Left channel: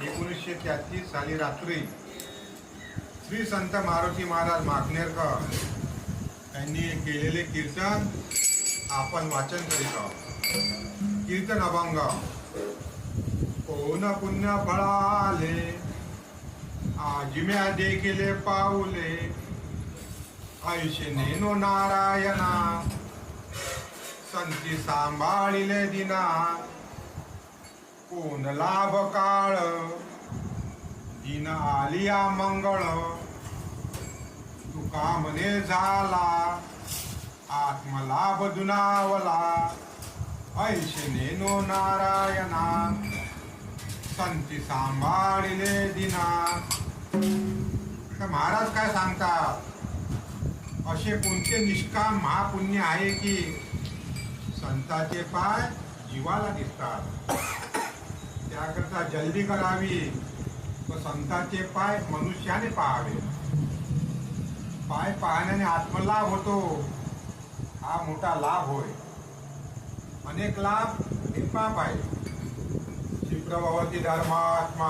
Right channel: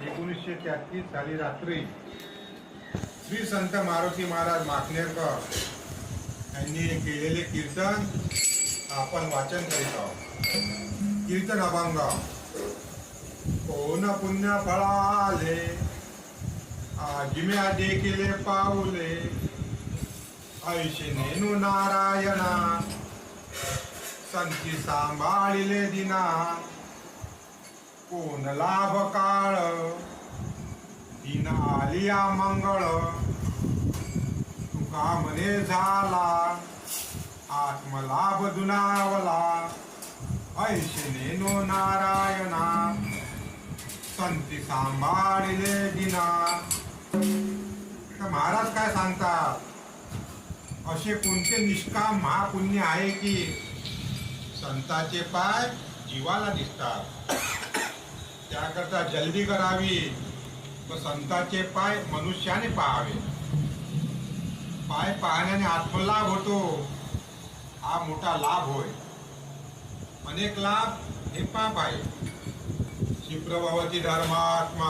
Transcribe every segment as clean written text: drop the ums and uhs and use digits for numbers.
1933 साली रात्री श्री संत मारुती महाराज माकनेरकर यांनी केलेले कीर्तन आपण वाचन करीत आहोत. कीर्तन अभंग. कोण पुण्य फळाले आजिम्या देखिले पाऊले ऐशे नेनो नारायणा संती सांभाळिले दिना कोण लाभ काळ दिन आलिया मंगळ तुका मने झाला आत्मलाभ दुनावला ऐशे नेनो नारायणा संती सांभाळिले दिना. तर महाराज काय सांगतात, असे कोणते निष्काम महापुण्य आहे की संतांचे पाय जीवाला दिसतात. त्याकरता जल्दी करावी व संतांचे पाय मनुष्याने पाहावे. पाय पाहण्याने आत्मलाभ होतो, हा मोठा लाभ होय. अनेक लाभ हे पाप आहे. क्षिप्रभवती धर्मात्मा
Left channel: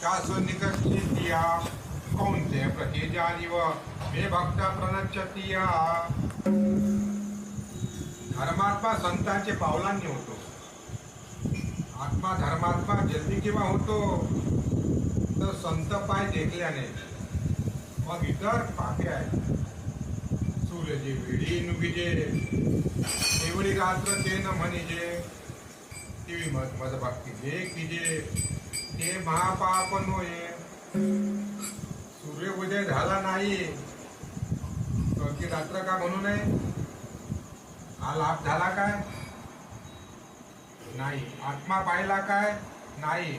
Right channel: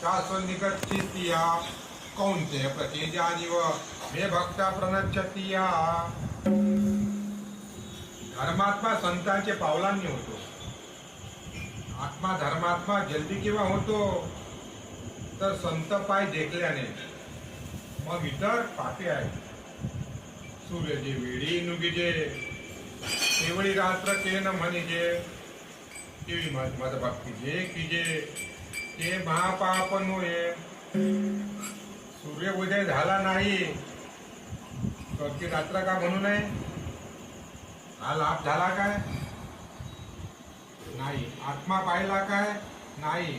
शाश्वत निकटचित्तिया कौन्तेय प्रतिजानिव मे भक्त प्रणच्छतिया. धर्मात्मा संतांचे पावलांनी होतो. आत्मा धर्मात्मा जल्दी केव्हा होतो तर संत पाय देखल्याने. मग इतर पापे आहेत. सूर्यजे वेडी नुगिजे एवढी रात्र ते न म्हणिजे ती मद भक्ती जे किजे ते महापाप नोये. सूर्य उदय झाला नाही तर ती रात्र का म्हणू नये? हा लाभ झाला काय? नाही. आत्मा पाहिला काय? नाही.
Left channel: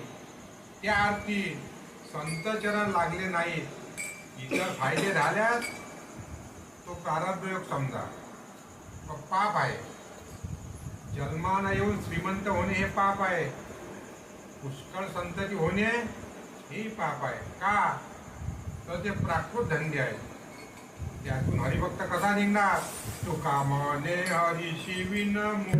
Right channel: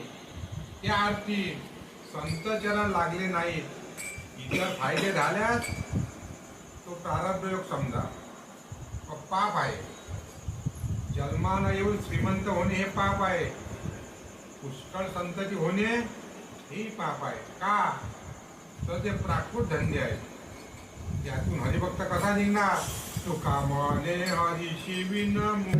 त्या अर्थी संत चरण लागले नाही. इतर फायदे झाल्यास तो प्रारब्ध योग समजा. पाप आहे. जन्मानं येऊन श्रीमंत होणे हे पाप आहे. पुष्कळ संतती होणे हे पाप आहे. का तर ते प्राकृत धंदे आहे. त्यातून हरिभक्त कसा निघणार? तुका मने हरिशी विनमुख